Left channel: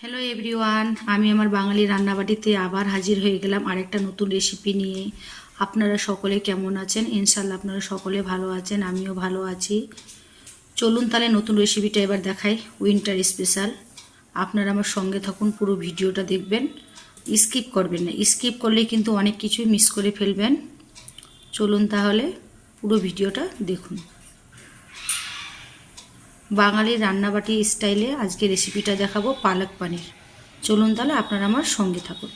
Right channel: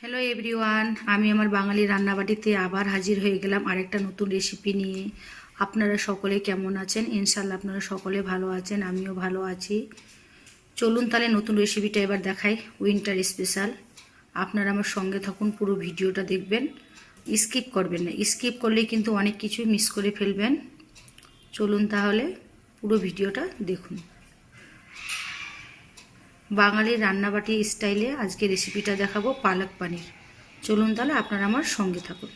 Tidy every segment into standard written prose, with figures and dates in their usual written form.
Hello everyone, আমি আমার বাঙালি রান্নাবাটিতে আবার হাজির হয়ে গেলাম আরেকটা নতুন রেসিপি নিয়ে। আপনারা সকলে কেমন আছেন? ইনশাল্লাহ আপনারা সকলে ভালো আছেন, আমিও ভালো আছি। চলুন তাহলে নতুন রেসিপিটা এবার দেখাই, উইন্টার স্পেশাল। আপনারা আমার সঙ্গে থাকুন, পুরো ভিডিওটা দেখবেন, স্কিপ করবেন না। স্কিপ করলে কিন্তু অনেক কিছুই মিস করে ফেলবেন। চলুন তাহলে পুরো ভিডিওটা দেখুন। বাঙালি রান্নাবাটি স্টাইলে আজকে রেসিপিটা দেখাবো পালক পনির। চলুন তাহলে আপনারা আমার সঙ্গে থাকুন।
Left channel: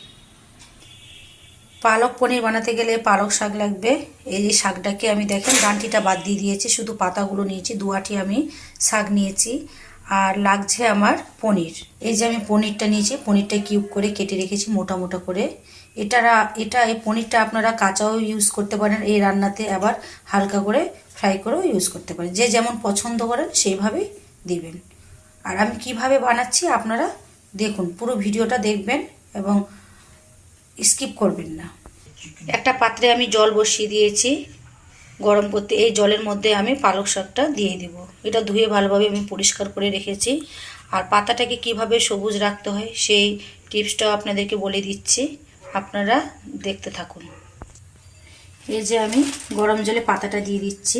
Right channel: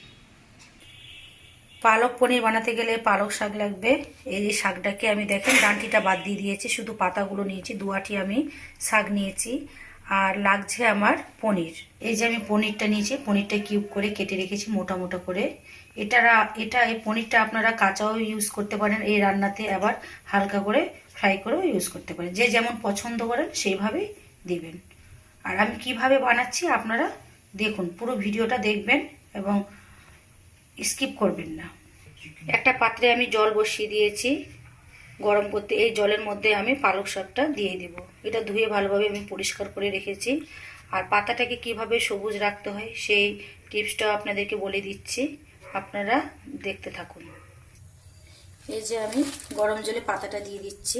পালক পনির বানাতে গেলে পালক শাক লাগবে। এই যে শাকটাকে আমি দেখেন ডাঁটিটা বাদ দিয়ে দিয়েছি, শুধু পাতাগুলো নিয়েছি। 2 আঁটি আমি শাক নিয়েছি। আর লাগছে আমার পনির। এই যে আমি পনিরটা নিয়েছি, পনিরটা কিউব করে কেটে রেখেছি মোটা মোটা করে। এই পনিরটা আপনারা কাঁচাও ইউজ করতে পারেন এই রান্নাতে, আবার হালকা করে ফ্রাই করেও ইউজ করতে পারেন। যে যেমন পছন্দ করেন সেইভাবেই দিবেন। আর আমি কিভাবে বানাচ্ছি আপনারা দেখুন, পুরো ভিডিওটা দেখবেন এবং স্কিপ করবেন না। একটা পাত্রে আমি জল বসিয়ে দিয়েছি গরম করতে। এই জলের মধ্যে আমি পালক শাকটা দিয়ে দিব। এটা ধুয়ে ভালোভাবে আমি পরিষ্কার করে রেখেছি। আর পাতাটাকে কিভাবে সবুজ রাখতে হয় সেই টিপসটাও আপনাদেরকে বলে দিচ্ছি, আপনারা দেখতে থাকুন। এই যে আমি গরম জলে পাতাটা দিয়ে দিচ্ছি।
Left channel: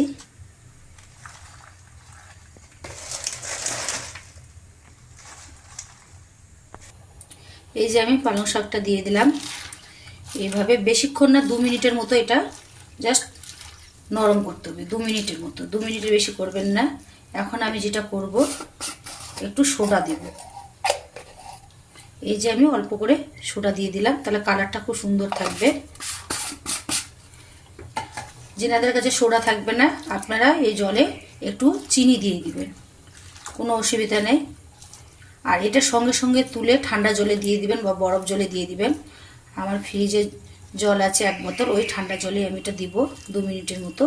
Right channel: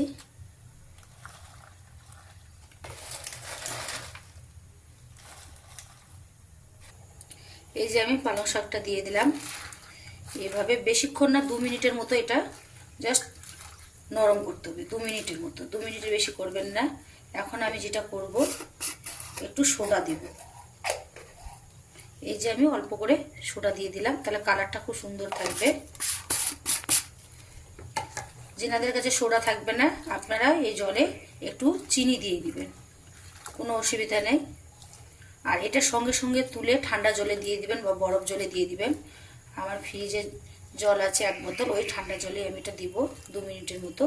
এই যে আমি পালং শাকটা দিয়ে দিলাম। এইভাবে বেশিক্ষণ না, 2 মিনিটের মতো এটা জাস্ট নরম করতে হবে। 2 মিনিটের মতো, 2 মিনিটের বেশি করবেন না। এখন আমি যেটা করব, একটু সোডা দেব। এই যে আমি অল্প করে সোডা দিয়ে দিলাম, তাহলে কালারটা খুব সুন্দর থাকবে। যেনাদের কাছে সোডা থাকবে না, আপনারা এই জলে একটু চিনি দিয়ে দিবেন, কোনো অসুবিধা নেই। আর এটা সঙ্গে সঙ্গে তুলে ঠান্ডা জলে দিয়ে দিবেন বা বরফ জলে দিয়ে দিবেন। আমার ফ্রিজে জল আছে 1 বোতল, ওই ঠান্ডা জলে আমি এটা দিব। 2 মিনিটের মতো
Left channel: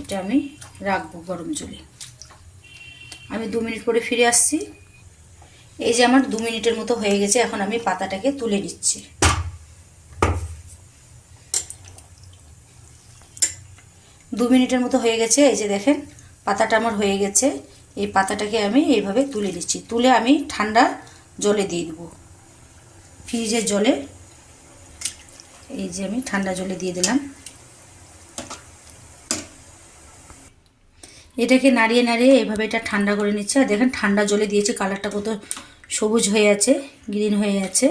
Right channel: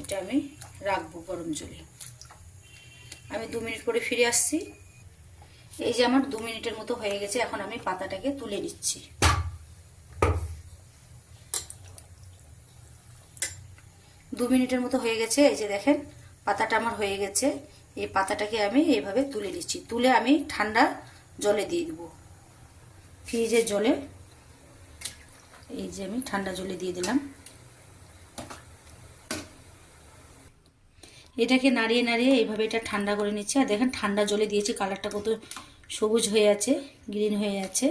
এটা আমি রাখবো গরম জলে। আমি 2 মিনিট পরে ফিরে আসছি। এই যে আমার 2 মিনিটের মতো হয়ে গেছে। এখন আমি পাতাটাকে তুলে নিচ্ছি। দু মিনিটের মতো হয়ে গেছে। এই যে দেখেন পাতাটা আমার হয়ে গেছে। এই পাতাটাকে আমি এইভাবে তুলে নিচ্ছি। তুলে আমি ঠান্ডা জলে দিয়ে দেবো, ফ্রিজের জলে। এই যে আমি ঠান্ডা জলে দিয়ে দিলাম। এটাকে নাড়িয়ে নাড়িয়ে এইভাবে এটা ঠান্ডা করে নিচ্ছে। আর দেখেন ঠান্ডা জলে দিয়েছি, কালারটা কত সবুজ হয়ে আছে, গ্রিন হয়ে আছে।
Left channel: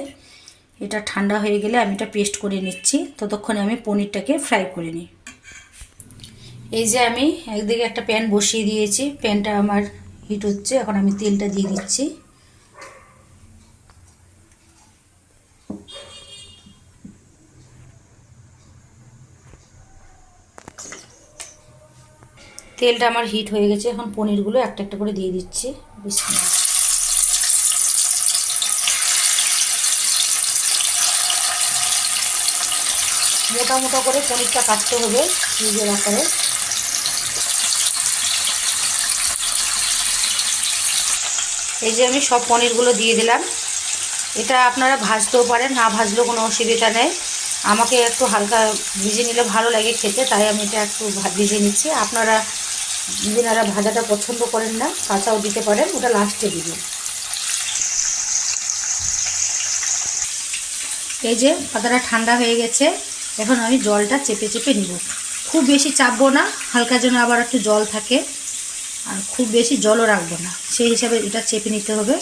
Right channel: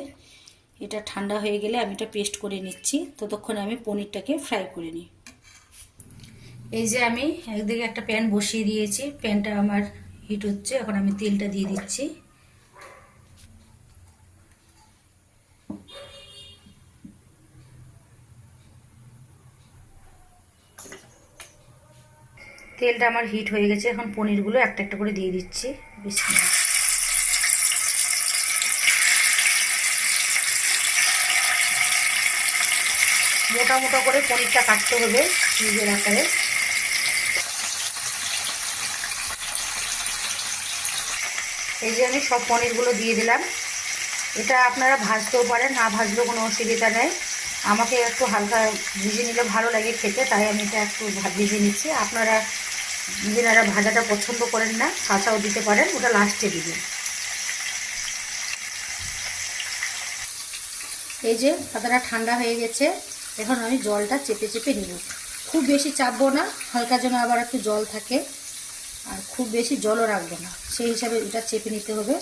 এটা ঠান্ডা হয়ে গেলে আমি এটা পেস্ট করে নিচ্ছি। ততক্ষণে আমি পনিরটাকে ফ্রাই করে নিই। এই যে আমি একদিকে একটা প্যান বসিয়ে দিয়েছি, প্যানটা আমার হিট হচ্ছে। এখন আমি তেলটা দিয়ে দিচ্ছি। তেলটা আমার হিট হয়ে গেছে। এখন পনিরগুলো একটা একটা করে দিয়ে দিচ্ছি। বিসমিল্লাহ। মোটা মোটা করে পনিরটা কাটতে হবে নিজের আকারে। এই যে আমি সব পনিরগুলো দিয়ে দিলাম। এটা আপনারা ভাজতেও পারেন, না ভাজলেও কোনো অসুবিধা নেই। আমাকে একটু হালকা ভেজে নিলে ভালো লাগে খেতে, তাই আমি এটা একটু ভেজে নিচ্ছি। আপনারা যারা ভাজাটা পছন্দ করেন না, কাঁচাও দিতে পারেন, ওটা লাস্টে দিবেন। এই যে পাতাটা ঠান্ডা হয়ে গেছে। এখন আমি জলটা চেপে চেপে নিব। খুব বেশি চাপবো না, হালকা যেন আবার একটু জল থাকে, আর খুব বেশি জলও রাখবো না, সেই হিসাবে এটা চেপে নিতে হবে।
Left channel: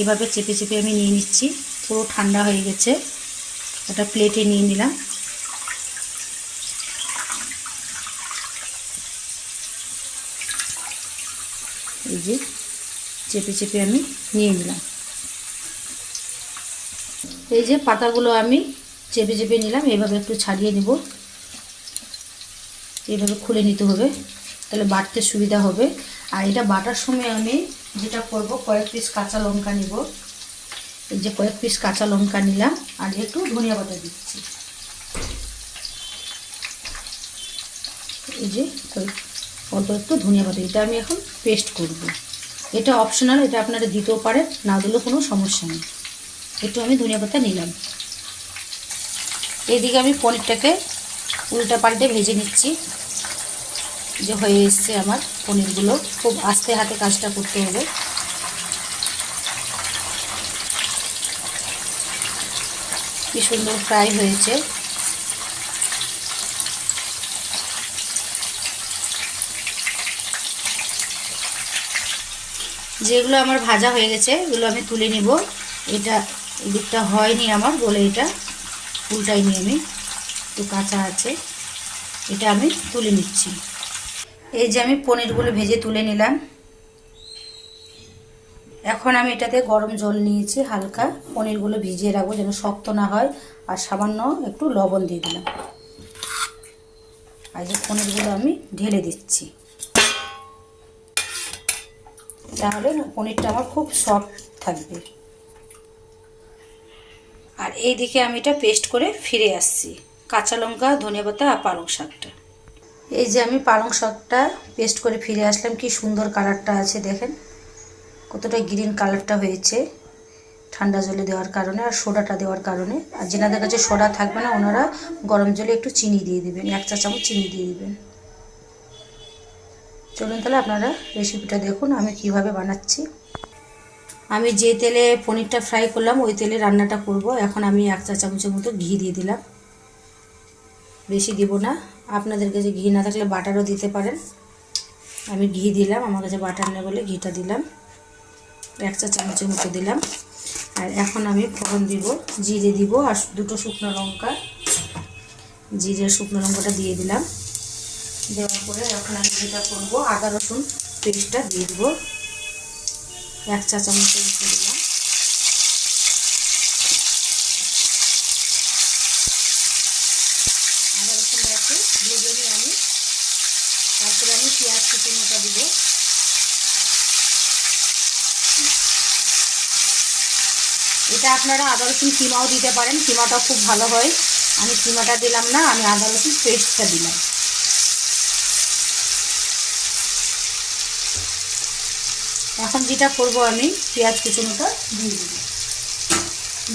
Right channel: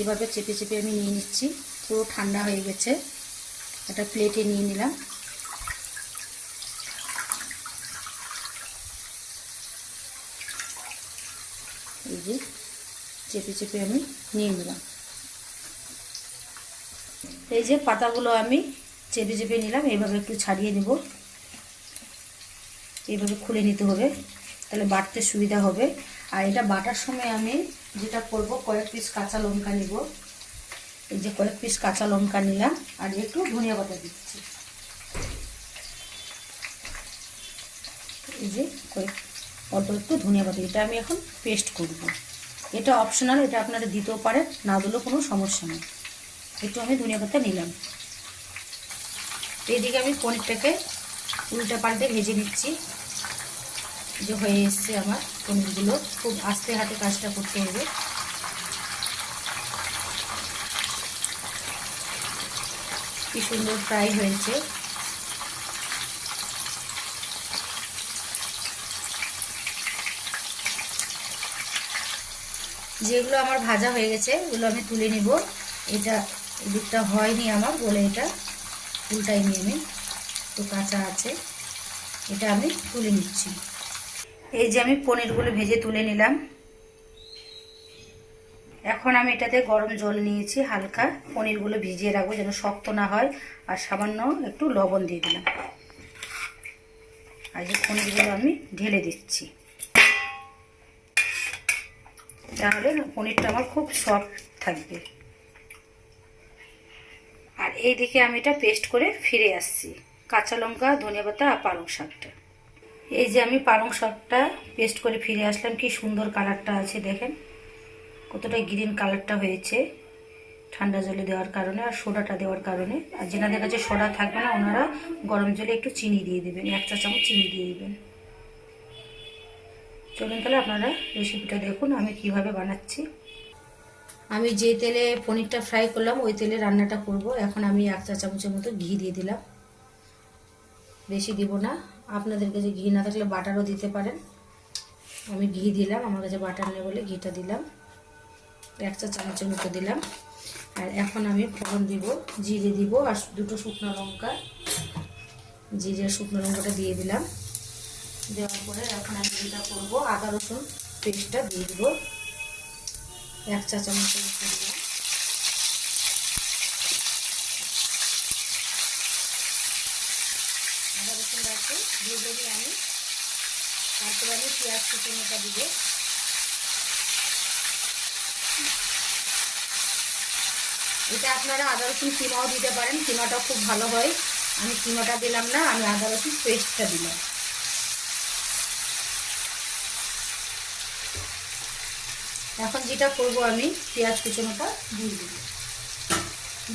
এভাবে চেপে চেপে আমি নিয়ে নিচ্ছি। পুরো ঠান্ডা হয়ে গেছে। এটা প্লেটে নিয়ে নিলাম। এই যে চেপে চেপে আমি নিয়ে নিলাম। এই যে পাতাগুলো আমি চেপে চেপে নিলাম। এইভাবে একটু ছাড়িয়ে নেব, এইভাবে খুলে নিতে হবে, তাহলে বাটতে সুবিধা হবে। আর এটা বাটার সময় আমি যেটা করব, কয়েক পিস কাঁচা লঙ্কা নিব। এই যে কয়েক পিস কাঁচা লঙ্কা নিলাম, আর একটু ধনিয়া পাতা দিচ্ছি। এই যে অল্প একটু ধনিয়া পাতা, এটা আমি এখন পেস্ট করব। এটা অপশনাল, এটা আপনারা দিতেও পারেন, না দিলেও কোনো সমস্যা নেই। একটু আমি ধনিয়া পাতা নিলাম। এইদিকে আমি পনিরটাকে উল্টা পাল্টে ভেজে নিচ্ছি। যে হয়ে এসছে আমার পনিরগুলো। খুব আস্তে হাতে কাজটা করতে হবে। কি সুন্দর ফ্রাই হয়েছে। যেগুলো আমার ভাজা হয়ে গেছে এগুলো আমি তুলে নিব। এটা এদিকটা হয়নি আমার বলে এটা উল্টাই নিয়ে আমি, একটু কাঁচা আছে, এটা আমি তুলে নিচ্ছি। এই যে আমি পনিরগুলো ভেজে তুলে নিলাম। এখন আমি এটাতে গরম জল নিয়েছি হালকা, পনিরগুলো ভিজিয়ে রাখবো যেন শক্ত না হয়। আর সামান্য একটু লবণ দিয়ে দিলাম। আর এই পনিরগুলো আমি ঢেলে দিচ্ছি, তাহলে পনিরটা আমার খুব সফট থাকবে। আর এইদিকে আমি এটা পেস্ট করে ফিরে আসছি, কাঁচা লঙ্কা, ধনেপাতা আর পালং শাকটা। এই যে আমি পালং শাকটা পেস্ট করে ফিরে আসলাম। কি সুন্দর কালারটা আছে দেখেন, কতটা গ্রিন কালারটা হয়েছে ঠান্ডা জলে দেওয়ার কারণে আর সোডাটা দেওয়ার কারণে। আর যেনাদের কাছে সোডা থাকবে না ওনারা গরম জলে একটু চিনি দিয়ে দিবেন, 1 চা চামচ চিনি দিয়ে দিবেন। চলুন তাহলে আপনারা রেসিপিটা দেখুন আমি কিভাবে বানাচ্ছি। আমি যে তেলে পনিরটা ফ্রাই করলাম ওই তেলে রান্নাটা করব। এখন আমি 1 চা চামচের মতো ঘি দিয়ে দিলাম, বেশি দিব না। আপনাদের কাছে ঘি না থাকলে বাটারও দিতে পারেন। আমি ঘি দিলাম, আমার কাছে বাটার নেই বলে ঘিটা দিলাম। 1 চা চামচের মতো দিলাম। আর এখন আমি ফোড়ন দিব, জিরে দিব আর 2টো শুকনো লঙ্কা। জিরে শুকনো লঙ্কাটা দিয়ে দিলাম। দেওয়ার পরে এখন আমি যেটা করবো, আদা রসুন পেস্টটা দিয়ে দেবো, 1 চা চামচের মতো দিলাম। আদা রসুনটাকে ভেজে নিয়ে আমি তারপরে আমি পেঁয়াজ কুচনোটা দিব। এটা আপনারা আদা রসুন কিমাও দিতে পারেন, কিমাটা খুব ভালো হয়। আমি কিমাটা দিলাম না, আমি আদা রসুন পেস্টটা দিলাম। এখন যেটা করব আমি পেঁয়াজ কুচনোটা দিয়ে দিব।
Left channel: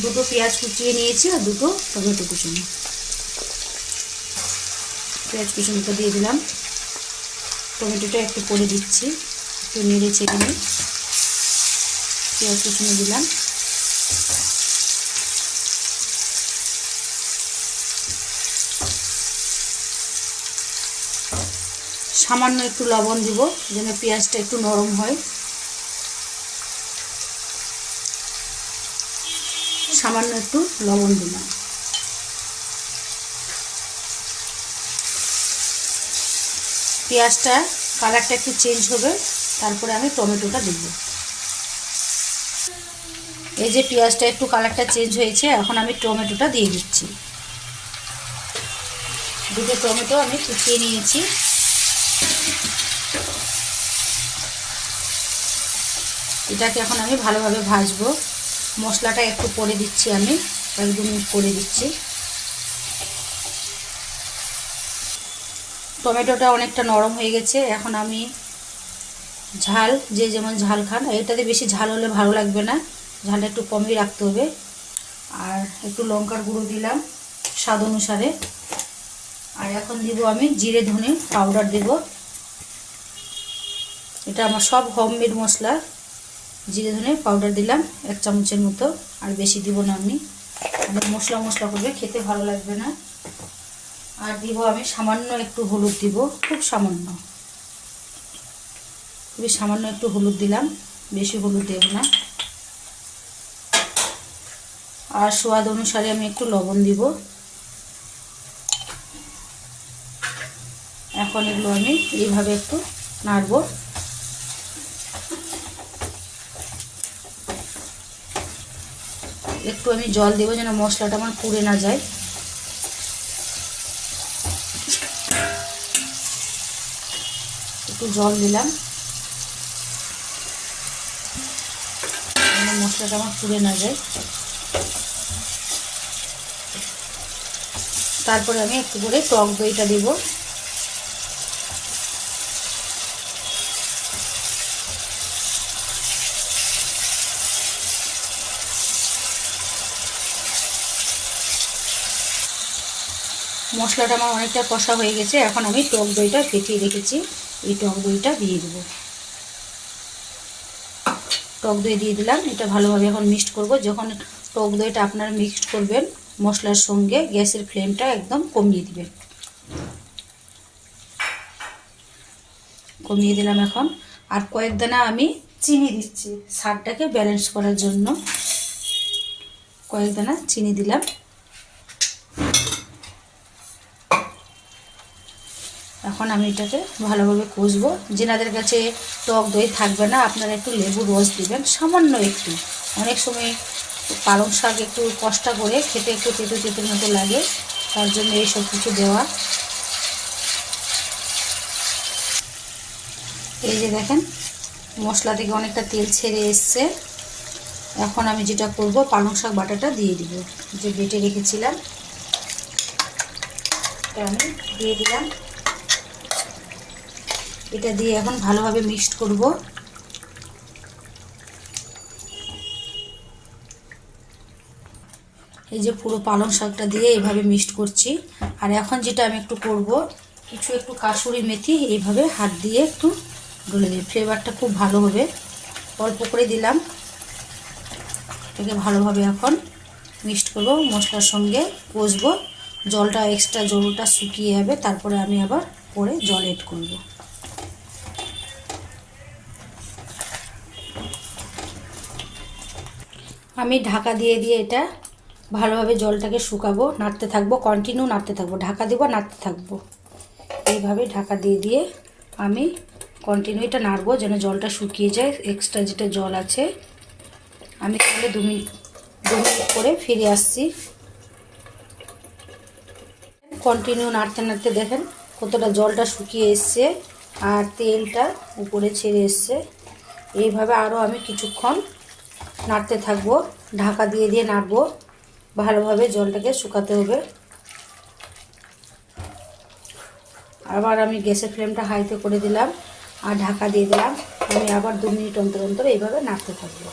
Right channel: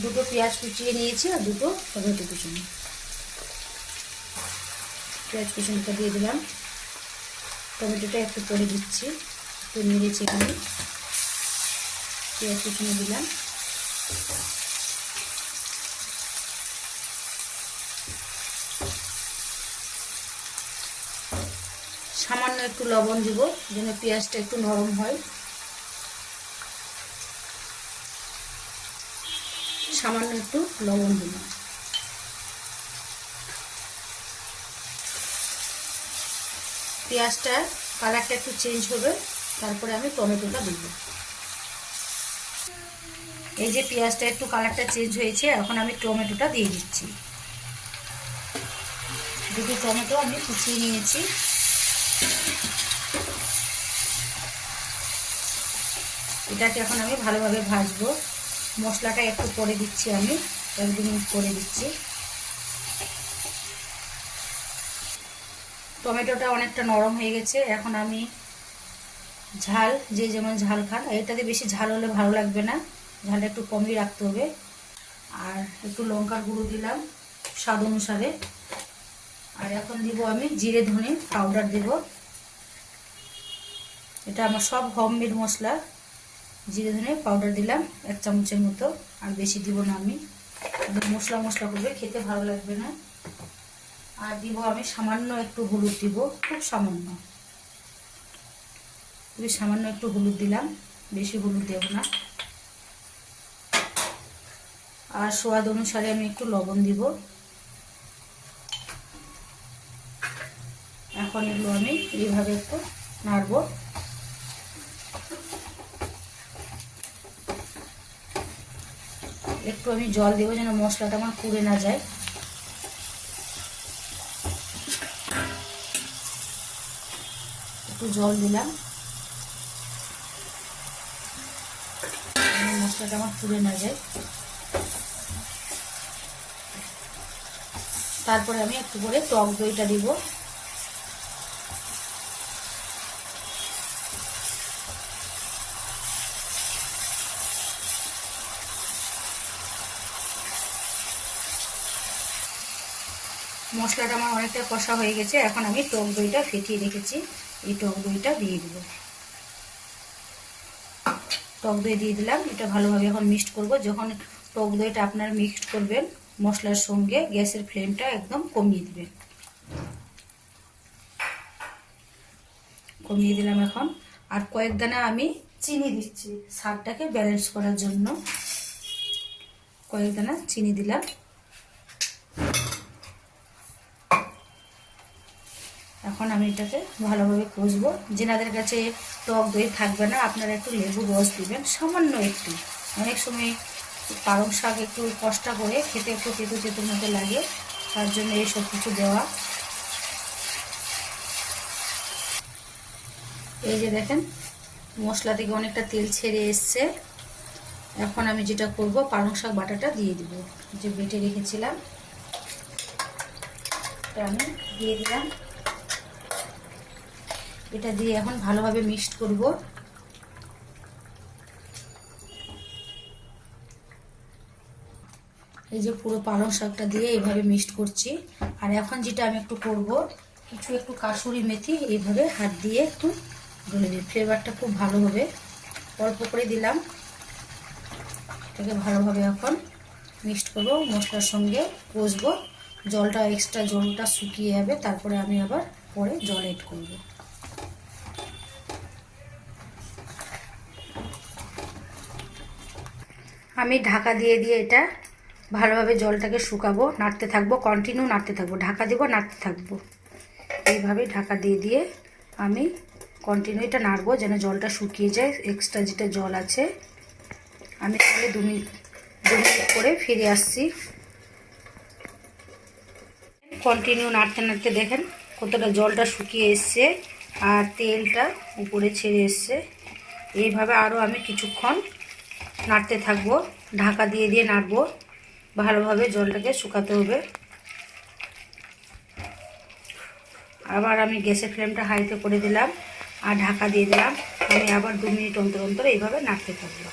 2টো পেঁয়াজ কুচিয়ে নিয়েছি আর 2টো টমেটো কুচনো। পেঁয়াজ কুচনোটা দিয়ে দিলাম, টমেটোটা একটু পরে দিচ্ছি, একটু নেড়ে চেড়ে নিয়ে পেঁয়াজ কুচনো দিলাম। সামান্য একটু লবণ দিব যেন পেঁয়াজটা একটু নরম হয়। সামান্য একটু লবণ দিলাম। পেঁয়াজটা কালারটা একটু চেঞ্জ হবে, তারপরে আমি টমেটোটা দিব। এই যে পেঁয়াজটা একটু কালারটা চেঞ্জ হয়েছে, এখন আমি টমেটোটা দিয়ে দিচ্ছি। 2টো টমেটো আমি কুচিয়ে নিয়েছি। এটাকে এখন আমি ভালোভাবে ভাজবো। মশলাটা একটু করে দিচ্ছি, আমি 1-2 মিনিট করে দিচ্ছি। টমেটোটা অনেকটা নরম হয়ে গেছে। এখন আমি ঝাল, যে যেমন ঝাল খান, এটাতে বেশি ঝাল হলে ভালো লাগবে না, ঝালটা একটু কমই রাখতে হবে। আর একটু লঙ্কার গুঁড়ো দিলাম স্বাদ অনুসারে। আর এখন দিব আমি জিরে ধনে পাউডার দেব। এটা আমার সব হোমমেড মশলা। জিরে ধনে পাউডার দিলাম 1 চামচের মতো, আর বেশি দিব না। আমি অনেক মশলা মশলা করবে, খেতে ভালো লাগবে না। আর দিব আমি সামান্য একটু হলুদ দিব, খুব সামান্য, খুবই সামান্য একটু হলুদ দিলাম, বেশি হলুদ দেব না। আর স্বাদ অনুসারে আমি একটু লবণ দিব। এখন এগুলো আমি এইভাবে একটু নাড়ব। একটু আমি জল দেবো যেন মশলাটা আমার পুড়ে না যায়। একটু জল দিলাম, মশলাটা আমার পুড়ে না যায়। তারপরে আমি একটু করে টক দইটা দিব। মশলাটা আমার অনেকটা কষা হয়ে গেছে। এখন আমি টক দইটা ফেটিয়ে রেখেছি, এই টক দইটা দিয়ে দেব। টক দই দিয়ে দিলাম। এটা ভালোভাবে এখন মিক্সড করব। যখন টক দইটা আপনারা মিক্সড করবেন মশলার সঙ্গে, গ্যাসের ফ্লেমটা একদম কমিয়ে দিবেন। কমিয়ে দিলাম এখন। আর কয়েক দানা আমি চিনি দিচ্ছি স্বাদটাকে ব্যালেন্স করার জন্য। কয়েক দানা চিনি দিলাম। এখন আমি এটাকে ভালোভাবে কষবো। যেনাদের কাছে টক দই থাকবে না, আপনারা একটু লেবুর রস দিবেন, সামান্য একটু। অনেক সময় পালং শাক একটু কষা করে খেতে একটু তেতো তেতোর মতো লাগে, তার জন্য এই সব কিছু দেওয়া। এই যে দেখেন মশলা থেকে অনেকটা তেল ছেড়ে এসছে। এখন আমি যেটা করব, পালং শাক বাটাটা দিয়ে দিব, যে বেটে রেখেছিলাম এটা আমি দিয়ে দিলাম। এটা দিয়ে এখন ভালোভাবে মিক্সড করব। এই যে পুরো পালং শাকটা দিয়ে এইভাবে মিক্সড করছি। আর এখন যেটা আমি একটু করব, একটু কাসুরি মেথি এইভাবে হাত দিয়ে একটু ডলে দিই, ফ্লেভারটা খুব ভালো হবে। অল্প করে দিলাম। এটাকে ভালোভাবে এখন মিক্সড করব, মশলার সঙ্গে কষবো। জলটা এক্সট্রা জলটা শুকিয়ে যাবে, তারপরে আমি আবার পরে জল এড করব। আমি ঢাকা দিয়ে দিয়ে এটা ভালোভাবে জলটাকে শুকাবো, নাড়তে থাকবো, কন্টিনিউ নাড়তে থাকবো, ঢাকা দিব নাড়তে থাকবো। এইভাবে ঢাকা দিয়ে দিয়ে আমি কন্টিনিউ এটা নাড়বো যেন জলটা শুকিয়ে যায়, এক্সট্রা যেটা জল আছে। আমি তাহলে 2 মিনিট করে ফিরে আসছি। কন্টিনিউ নাড়তে নাড়তে দেখেন কতটা জলটা শুকিয়ে এসছে আর তেলটা উপরে ছেড়ে এসছে। এইভাবে আরও আমি কিছুক্ষণ নাড়তে থাকবো, ঢাকা দিয়ে দিয়ে নাড়বো। ভালোভাবে জলটাকে শুকাতে হবে। আবার আমি গ্যাসের ফ্লেমটা হাইতে করে দিলাম আর ঢাকা দিয়ে দিলাম। আমি আবার 2 মিনিট অন্তর অন্তর এইভাবে নাড়তে থাকবো।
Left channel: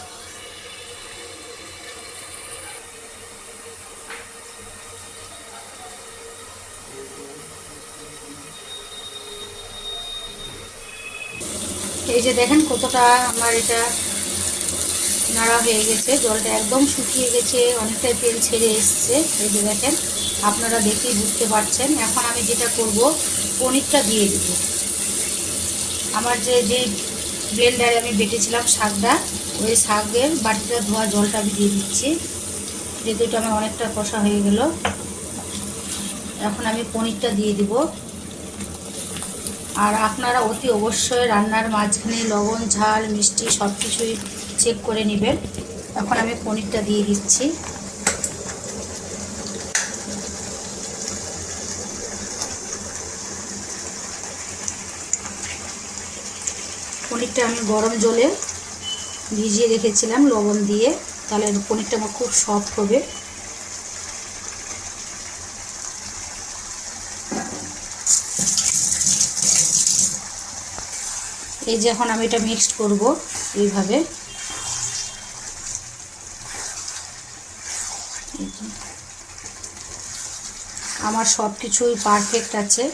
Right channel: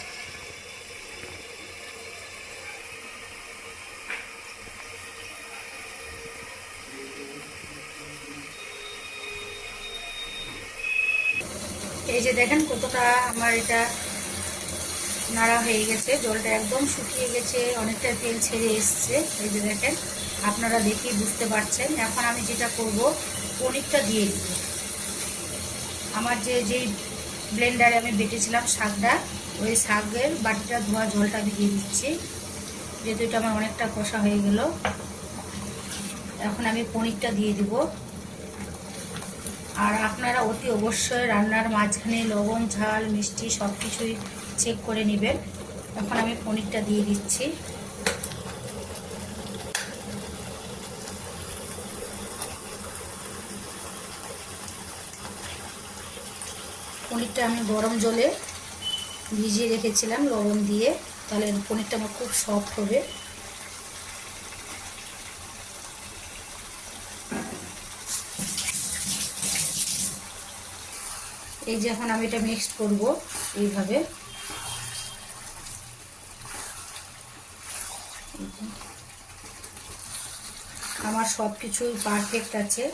এই যে দেখেন কতটা আমার এটা নাড়া হয়ে গেছে, জলটা একদম শুকিয়ে গেছে, অনেকটা তেল ছেড়ে এসছে। এই যে দেখেন, আপনারা দেখেই বুঝতে পারছেন। এখন আমি যেটা করব, পনিরটা দিয়ে দিব। আমার যে ব্লেন্ডারে আমি বেটেছিলাম শাকটা, ওই শাকের বাটিটা ধোয়া জলটা আমি দিয়ে দিচ্ছি, যেহেতু এটা আমার অনেকটা কষা হয়ে গেল। এখন আমি পনিরটা দিয়ে দিব। আর আপনারা অতি অবশ্যই রান্নার মাঝখানে লবণ ঝাল মিষ্টি সব কিছুই চেক করে নেবেন। এখন আমি পনিরটা দিয়ে দিচ্ছি। পনিরটা আমি গরম জলে ভিজিয়ে রেখেছিলাম লবণ দিয়ে, তাহলে পনিরটা আমার খুব সফট হবে। এই যে এখন আমি এটা মিক্সড করব এইভাবে। আমার সব কিছুই পারফেক্ট আছে।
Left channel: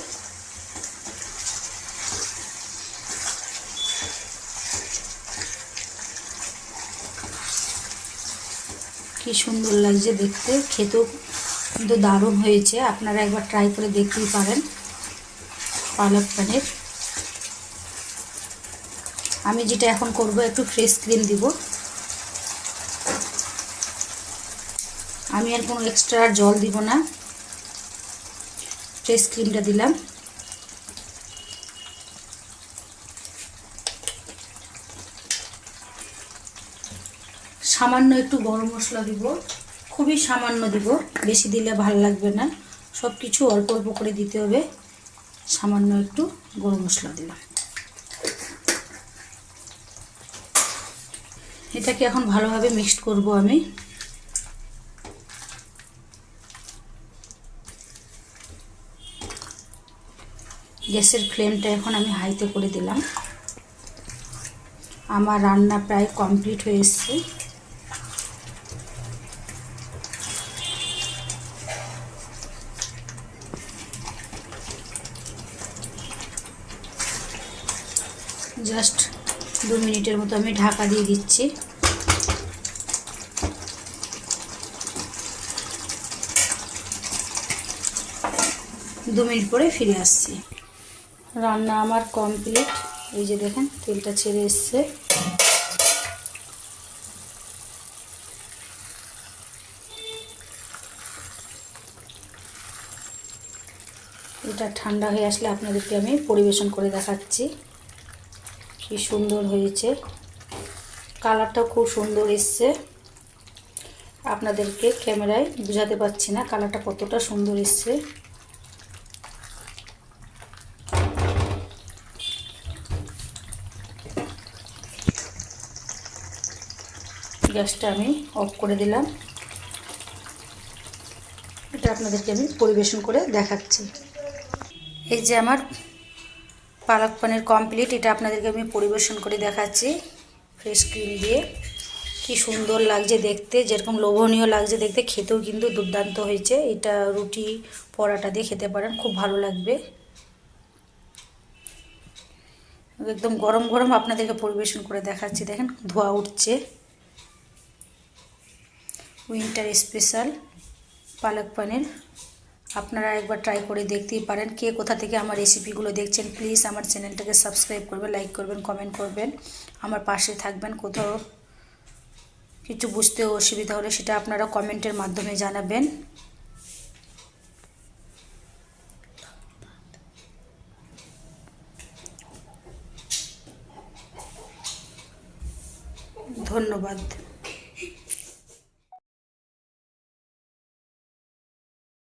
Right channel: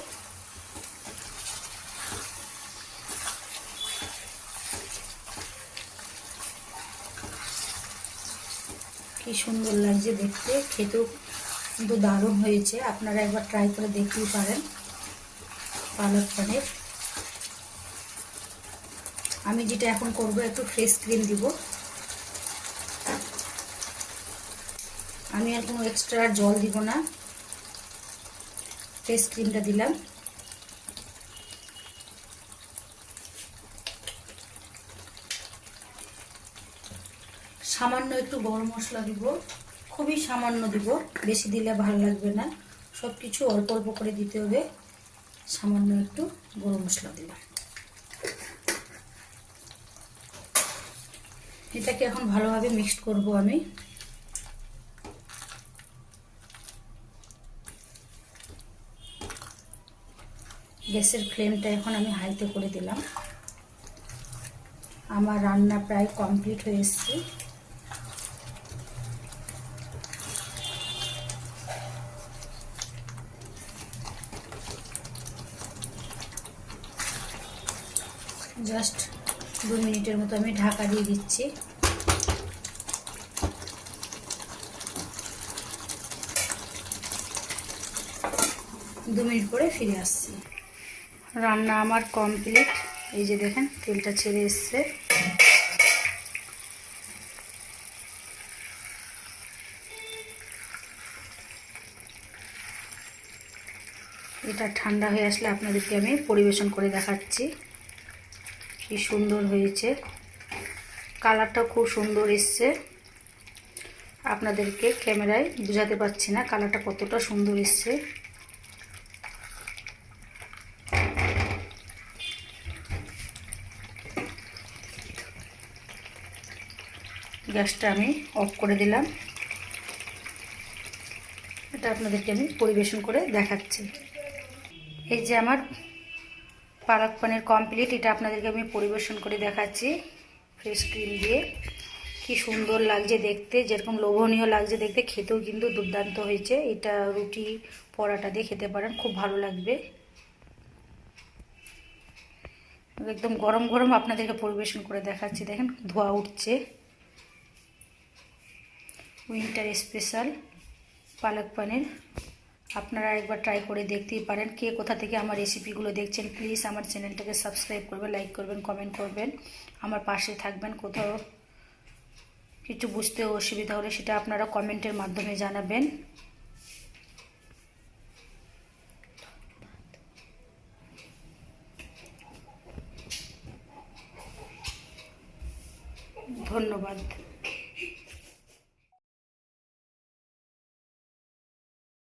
কি সুন্দর লাগছে দেখতে, খেতেও কিন্তু দারুণ হয়েছে। আপনারা একবার ট্রাই করে দেখতেই পারেন পালক পনির। আমি যেটা এখন করব, একটু ফ্রেশ ক্রিম দিব। আমি আর কোনো এক্সট্রা জল দিব না, ফ্রেশ ক্রিমটা দিলাম। সামান্য একটু গরম মশলা দিব, খুবই সামান্য দিব, বেশি দিলে ভালো লাগবে না। সব কিছু অল্প অল্প করে দিতে হবে। সামান্য একটু গরম মশলা দিলাম। এটাকে এখন ভালোভাবে মিক্সড করব আমি। গ্যাসের ফ্লেমটা এখন আমি হাইতে করে দিলাম। আমার রান্না প্রায় কমপ্লিট হয়ে এসছে। জাস্ট 2 মিনিটের মতো আমি ঢাকা দিয়ে দিচ্ছি। দু মিনিট পরে ফিরে আসছি। রান্না আমার কমপ্লিট। এই যে দেখেন তেলটা ছেড়ে এসছে। এটা ঠান্ডা হয়ে আসলে আপনাদেরকে আমি পরিবেশন করে দেখাচ্ছি। কি সুন্দর হয়েছে, কালারটা খুব সুন্দর এসছে। আপনাদেরকে ক্যামেরায় বোঝাতে পারছি না কালারটা কতটা সুন্দর এসছে। গ্যাসটা আমি অফ করে দিলাম। এটা আপনাদেরকে আমি পরিবেশন করে দেখাচ্ছি। এই যে আমার পালক পনির কমপ্লিট। এটা আপনাদেরকে আমি পরিবেশন করে দেখাচ্ছি ফ্রেশ ক্রিম দিয়ে। কি সুন্দর লাগছে দেখতে, যেরকম লোভনীয় লাগছে দেখতে, খেতেও কিন্তু দুর্দান্ত হয়েছে। এটা রুটি পরাটা দিয়ে খেতে পারেন, খুব ভালো লাগবে। একদম গরম গরম আপনাদেরকে পরিবেশন করে দেখাচ্ছি। দেখেন ধোঁয়া উঠছে। উইন্টার স্পেশাল পালক পনির আপনারা একবার ট্রাই করে দেখতেই পারেন। কে কোথা থেকে আমার রেসিপিগুলো দেখছেন প্লিজ আমার চ্যানেলটাকে সাবস্ক্রাইব করবেন, লাইক করবেন, কমেন্ট করবেন, আমার পাশে থাকবেন। কোথাও কিছু বুঝতে অসুবিধা হলে সেটা আপনারা কমেন্টের মাধ্যমে জানাবেন। ধন্যবাদ।